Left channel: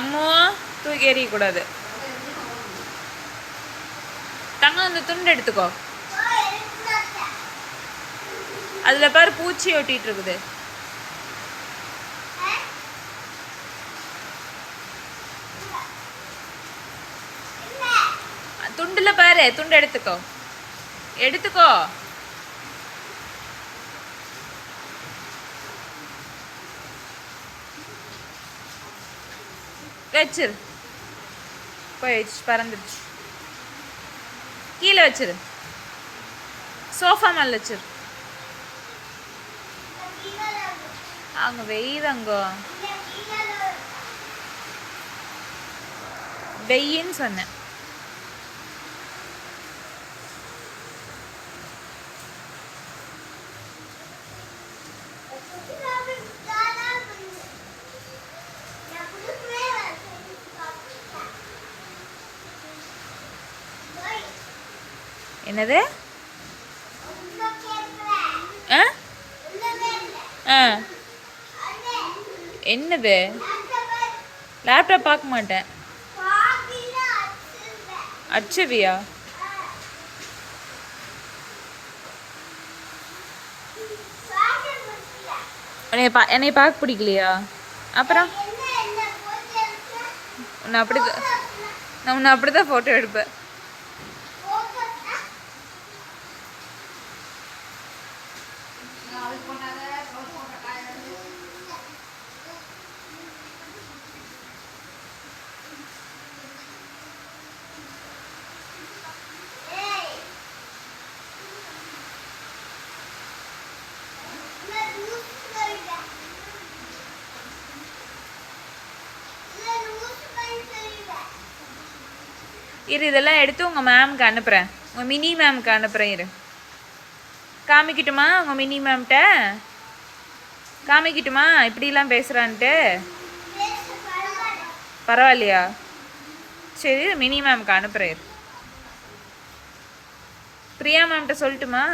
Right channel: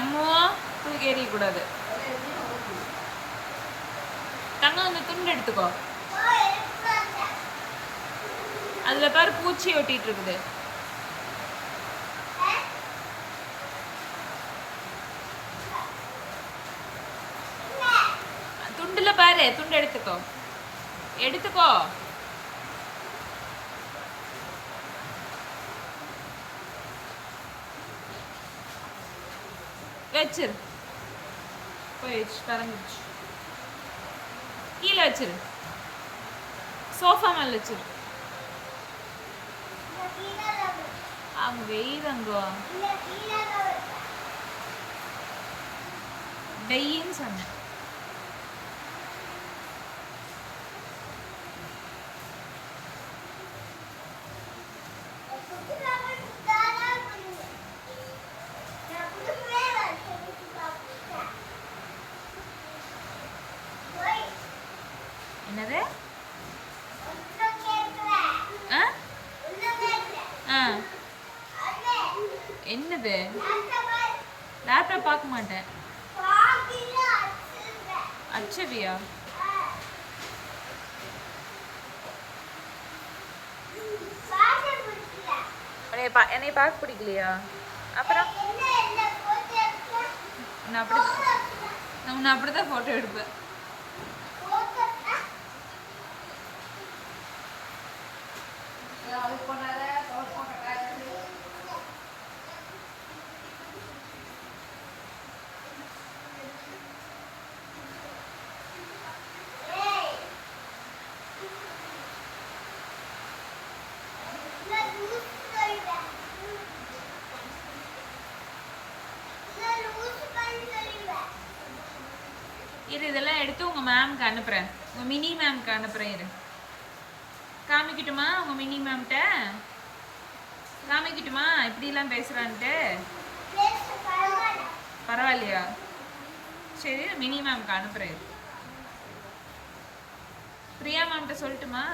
அம்மோ தூக்கி எறியக்கூடாது. தங்கம் அந்த துண்டு எடுத்துக்கோ. அதில் பாரு பூச்சி ஒட்டிகிட்டு இருக்குது. துண்டில் பாரு, துண்டு எடுத்துக்கோ, எடுத்துக்கோ. வச்சிரு. போயிடுச்சு, பறந்துடுச்சு. கீழே வச்சிரு, சோஃபா மேலே வச்சிரு. அங்கே வெய்தங்கோ, வெயின்னு சொன்னேன். என்னது? என்னது? லேப்டாப் பார்க்க மாட்டேன். அச்சவியா? என்னை பார்க்க பிடிக்கலையா? அப்புறம் நான் அப்படிதான் ஃபோட்டோ எடுப்பேன். இரு, இதெல்லாம் எடுத்து உங்கள் மேம்க்கு அனுப்புகிறேன். உங்கள் மினி மேம்க்கு அனுப்புகிறேன். இரு, காமிக்கிட்டுமா? உங்கள் மினி மேம்கிட்ட காமிக்கிட்டுமா இப்படிலாம் பேசுகிறான்ட்டு? பரவாயில்லையா? சரி, மினி மேம்க்கு அனுப்புகிறேன். பிரியா மேம்கிட்ட சொல்லட்டுமா?